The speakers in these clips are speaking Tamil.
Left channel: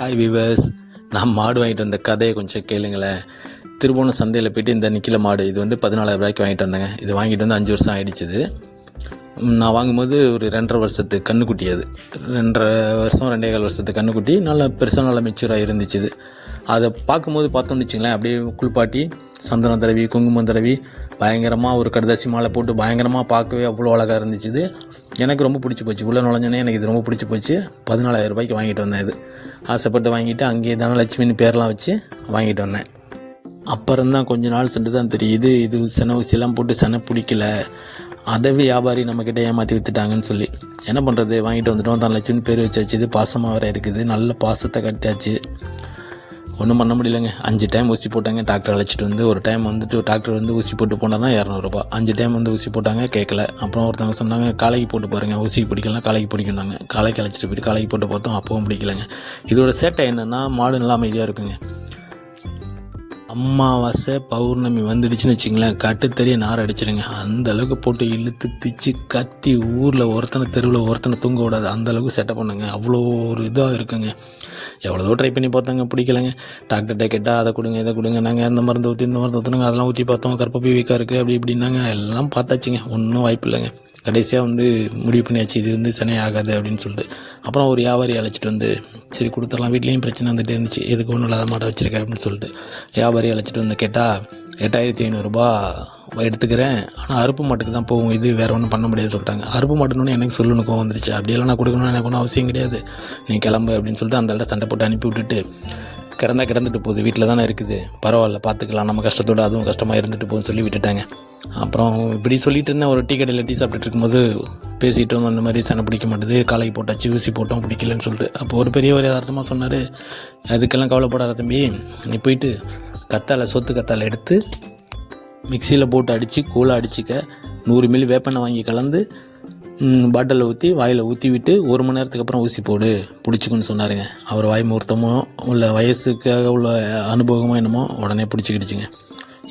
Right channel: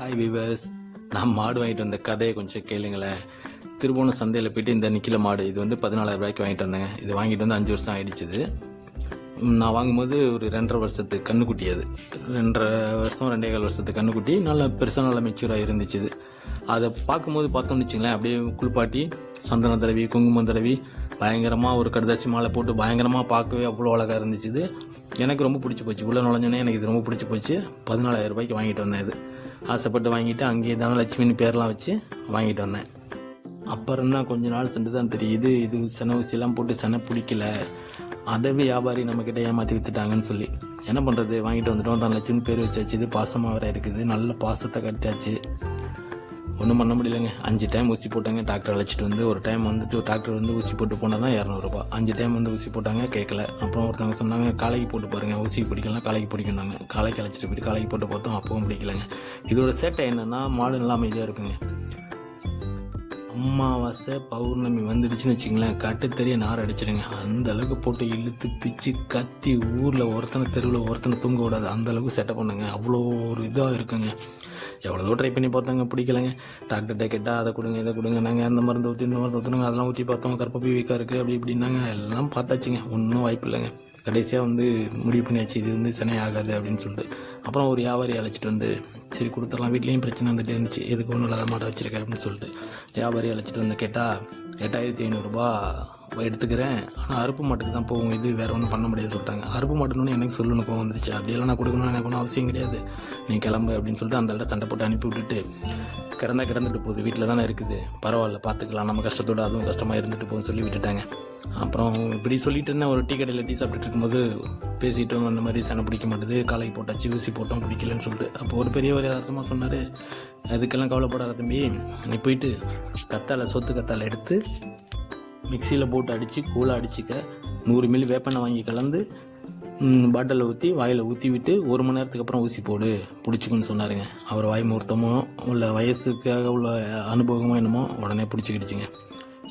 ஹாய் வீவர்ஸ், நான் மாடு வாங்கிட்டு வந்த கதையை கொஞ்சம் கேளுங்களேன். திருவோணம் சந்தையில் போய்ட்டு இந்த நிக்கில மாடு இது வந்து 14,000 ரூபாய்க்கு வாங்கிட்டு வந்தேங்க. இது வாங்கிட்டு வந்து 5 வருஷம் ஆகிடுச்சிது. நான் வாங்கும்போது ஒரு 2.5 வருஷத்து கண்ணுக்குட்டி. அது 2.5 வருஷம் 2.25 வருஷத்து கண்ணுக்குட்டி. நல்லா பெருசாக நல்லா மெச்சூராக இருந்துச்சு. அதை பார்த்தோன்னு வச்சுங்களேன், அப்படியே குளிப்பாட்டி சந்தனம் தடவி குங்குமம் தடவி பயங்கரமாக ஒரு கடுதாசி மாலை போட்டு பயங்கரமாக பார்க்கவே அவ்வளோ அழகாக இருந்துச்சு. எனக்கு ரொம்ப பிடிச்சி போச்சு. உள்ளே நுழைஞ்சோன்னே எனக்கு இது ரொம்ப பிடிச்சி போச்சு. 14,000 ரூபாய்க்கு வாங்கிட்டு வந்தேன். இது ஆசைப்பட்டு வாங்கிட்டு அங்கேயே தனலட்சுமின்னு பேர்லாம் வச்சு வாங்கிட்டு வந்தேன். அப்புறம் தான் கொஞ்ச நாள் சென்று தான் தெரியுது, இது செனை ஊசியெல்லாம் போட்டு செனை பிடிக்கல, அதவே வியாபாரி நம்மக்கிட்ட ஏமாற்றி விற்றுட்டாங்கன்னு சொல்லி. என்ன பண்ணுறது, வாங்கிட்டு வந்துட்டோம். தனலட்சுமின்னு பேர் வச்சாச்சு. இது பாசமாக வேறு இருக்குது. நல்ல பாசத்தை கட்டியாச்சு. ஒன்றும் பண்ண முடியலைங்க. 5 டைம் ஊசி போட்டாங்க. டாக்டர் அழைச்சிட்டு வந்து ஒரு டைம் வந்துட்டு டாக்டர் வந்து ஊசி போட்டு போனார்னா 200 ரூபா. 5 டைம் வந்து ஊசி போட்டாங்க, கேட்கல. அப்புறம் ஒருத்தவங்க சொன்னாங்க காலைக்கு போட்டு பாருங்கள், ஊசிக்கு பிடிக்கலாம், காலைக்கு பிடிக்குன்னாங்க. காலைக்கு அழைச்சிட்டு போய்ட்டு காலைக்கு போட்டு பார்த்தோம், அப்பவும் பிடிக்கலைங்க. இதோட சேட்டை என்னென்னா, மாடு நல்லா அமைதியாக இருக்குங்க. அமாவாசை பௌர்ணமி வந்துடுச்சுன்னு வச்சிங்களேன், கட்டுத்தறிய நார் அடிச்சிடுங்க. அந்த அளவுக்கு போட்டு இழுத்து பிச்சு கத்தி ஊரில் ஒருத்தனை தெருவில் ஒருத்தனை தூங்க விடாது, அந்தளவுக்கு செட்டப் பண்ணுங்க. அவ்வளோ ஒரு இதாக இருக்குங்க. எவ்வளோ ட்ரை பண்ணி பார்த்தாங்க, பிடிக்கலைங்க. டாக்டர்கிட்ட கேட்டால் அதை கொடுங்க இதை கொடுங்க, நாங்கள் இந்த மருந்து ஊற்றுனுங்க, அதெல்லாம் ஊற்றி பார்த்தோம், கற்பப்பை வீக்காக இருக்குது அப்படி இப்படின்னாங்க. எல்லாம் பார்த்தாச்சுங்க, ஒன்றும் வாய்ப்பு இல்லைங்க. கடைசியாக வந்து முடிவு பண்ணியாச்சு, இது வந்து சனி ஆகாது அப்படின்னு சொல்லிட்டு. அப்புறம் ஒரு வியாபாரி அழைச்சிட்டு வந்து சரி கொடுத்துடலாம், வீட்லேயும் பிரச்சனை வந்துட்டு இருந்துச்சு, எதுக்கு ஒன்றும் இல்லாத மாட்டை வச்சுருக்கேன் அப்படின்னு சொல்லிட்டு வியாபாரி அழைச்சிட்டு வந்து கேட்டால் 8,500 ரூபா எடுத்துக்கிறேன், ஆனால் அறுப்பு மாட்டுக்கு தான் போகும், இது வேறு ஒன்றும் பண்ண முடியாது சொல்லிட்டாங்க. அறுப்பு மாட்டுன்னு எனக்கு சொல்லணும், கோவம் வந்துருச்சு. அப்படியெல்லாம் நான் கொடுக்கணும்னு எனக்கு ஒன்றும் அவசியம் கிடையாது, நீ கிளம்பு அப்படின்னு சொல்லிட்டு அந்த இடத்த சண்டை போட்டு அனுப்பி விட்டுட்டு, கிடந்துட்டு போகுது, வீட்டில் தானே இருக்குது, பரவாயில்ல பார்த்துக்கலாம், நம்ம கஷ்டத்தோடு அதுவும் கஷ்டமாக இருந்துட்டு போகுதுன்னு சொல்லி விட்டுட்டாங்க. அப்புறம் இப்படி சொல்லிட்டு இருந்தேன். ஒரு டீ கடையில் டீ சாப்பிட்டுட்டு இருக்கும்போது பேசிட்டோம், அந்த மாதிரி சண்டை பிடிக்க மாட்டேது, காலைக்கு போட்டாச்சு, ஊசி போட்டோம், பிடிக்கலன்னு சொல்லிட்டு. அப்போ ஒரு பெரியவர் யதார்த்தமாக சொன்னார், அதுக்கெல்லாம் கவலைப்படாத தம்பி, நீ போயிட்டு சொத்து கத்தாழை எடுத்து மிக்சியில் போட்டு அடித்து கூழாக அடிச்சிக்க, 100 மில்லி வேப்பெண்ணெய் வாங்கி கலந்து பாட்டிலில் ஊற்றி வாயில் ஊற்றி விட்டு 1 மணி நேரத்துக்கு அப்புறம் ஊசி போடு, பிடிச்சிக்குன்னு சொன்னாருங்க. அவர் வாய் முகூர்த்தமோ உள்ள வயசுக்காக உள்ள அனுபவமோ என்னமோ உடனே பிடிச்சிக்கிடுச்சிங்க.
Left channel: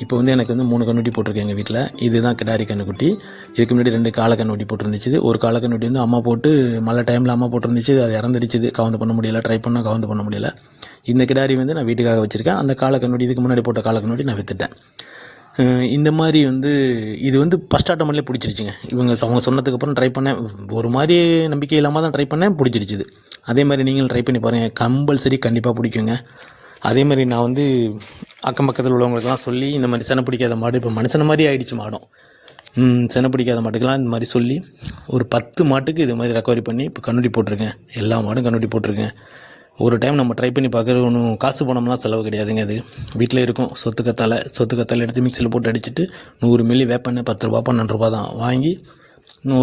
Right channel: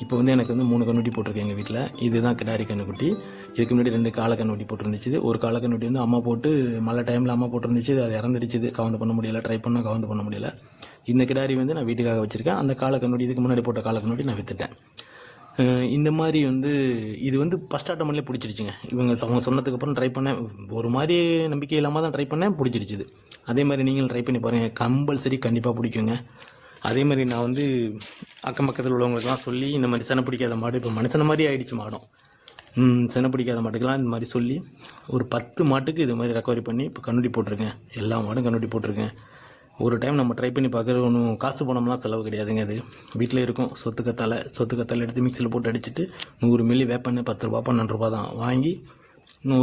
இப்போ வந்து எனக்கு வந்து 3 கண்ணுட்டி போட்டிருக்கேன் எங்கள் வீட்டில். இதுதான் கிடாரி கண்ணுக்குட்டி. இதுக்கு முன்னாடி 2 காளை கண்ணுட்டி போட்டிருந்துச்சு. ஒரு காளை கண்ணுட்டி வந்து அம்மா போட்டு மழை டைமில் அம்மா போட்டிருந்துச்சு, அது இறந்துடுச்சு. கவுந்து பண்ண முடியலை, ட்ரை பண்ணால் கவுந்து பண்ண முடியலை. இந்த கிடாரி வந்து நான் வீட்டுக்காக வச்சுருக்கேன். அந்த காளை கண்ணுட்டி, இதுக்கு முன்னாடி போட்ட காளை கண்ணுட்டி நான் விற்றுட்டேன். இந்த மாதிரி வந்து இது வந்து ஃபஸ்ட் ஆட்டோமேட்டிலே பிடிச்சிருச்சுங்க. அவங்க சொன்னதுக்கப்புறம் ட்ரை பண்ணேன், ஒரு மாதிரி நம்பிக்கை இல்லாமல் தான் ட்ரை பண்ணேன், பிடிச்சிருச்சுது. அதே மாதிரி நீங்களும் ட்ரை பண்ணி பாருங்கள், கம்பல்சரி கண்டிப்பாக பிடிக்குங்க. அதே மாதிரி நான் வந்து அக்கம் பக்கத்தில் உள்ளவங்களுக்கெல்லாம் சொல்லி, இந்த மாதிரி செனை பிடிக்காத மாடு, இப்போ மனுஷன மாதிரி ஆகிடுச்சு மாடும், செனை பிடிக்காத மாட்டுக்கெல்லாம் இந்த மாதிரி சொல்லி ஒரு 10 மாட்டுக்கு இது மாதிரி ரெக்கவரி பண்ணி இப்போ கண்ணுட்டி போட்டிருக்கேன். எல்லா மாடும் கண்ணுட்டி போட்டிருக்கேன். ஒரு டைம் நம்ம ட்ரை பண்ணி பார்க்குறது ஒன்றும் காசு பணம்லாம் செலவு கிடையாதுங்க. அது வீட்டில் இருக்கும். சொத்து கத்தாழை எடுத்து மிக்சியில் போட்டு அடிச்சுட்டு 100 மில்லி வேப்பெண்ணெய் 10 ரூபா 12 ரூபா தான் வாங்கி,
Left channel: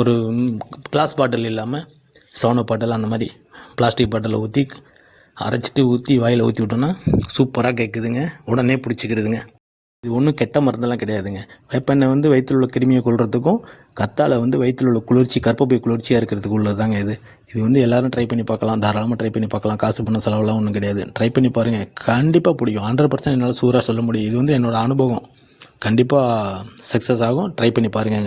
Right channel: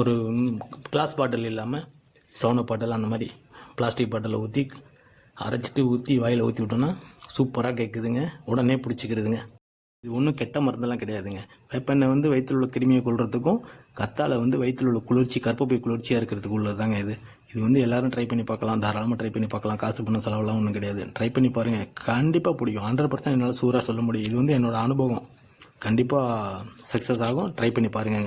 ஒரு கிளாஸ் பாட்டில் இல்லாமல் சவுன பாட்டில் அந்த மாதிரி பிளாஸ்டிக் பாட்டிலில் ஊற்றி அரைச்சிட்டு ஊற்றி வாயில் ஊற்றி விட்டோன்னா சூப்பராக கேட்குதுங்க, உடனே பிடிச்சிக்கிறதுங்க. இது ஒன்றும் கெட்ட மருந்தெல்லாம் கிடையாதுங்க. வேப்பெண்ணெய் வந்து வயிற்றில் உள்ள கிருமியை கொள்றதுக்கும், கத்தாழை வந்து வயிற்றில் உள்ள குளிர்ச்சி, கற்பப்பை குளிர்ச்சியாக இருக்கிறதுக்கு உள்ளது தாங்க இது. இது வந்து எல்லோரும் ட்ரை பண்ணி பார்க்கலாம், தாராளமாக ட்ரை பண்ணி பார்க்கலாம். காசு பண்ண செலவெல்லாம் ஒன்றும் கிடையாது. ட்ரை பண்ணி பாருங்கள், கண்டிப்பாக பிடிக்கும். 100% என்னால் சூறாக சொல்ல முடியும். இது வந்து என்னோடய அனுபவம். கண்டிப்பாக சக்ஸஸ் ஆகும். ட்ரை பண்ணி பாருங்கங்க.